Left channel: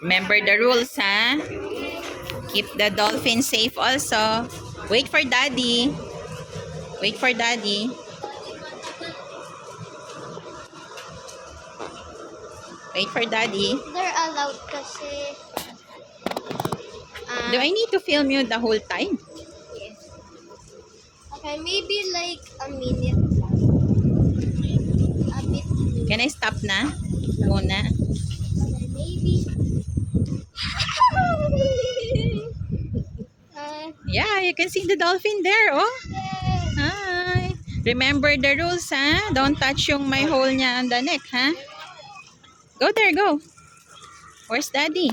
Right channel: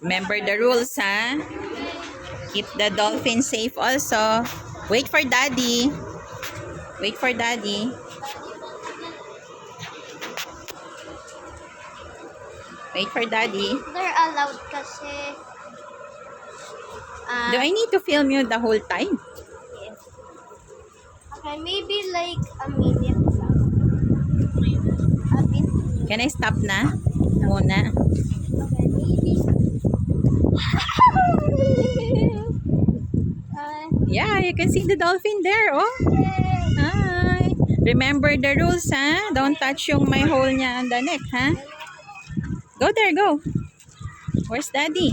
Remember the rules, ha? Keep the dolphin safe also. Wait for daddy. Wait for daddy. Wait for daddy. They're allowed kasi. Do I need to film you the whole time? Yes. Okay, maybe like a minute lang. A bit. Can I stop na? Muna. Okay, maybe. Yeah, you can see the dolphin there, oh. Yay! Hi. Remember the rules, ha? Don't touch yung may hole niya on the neck, ha? Go there, go. Where's daddy?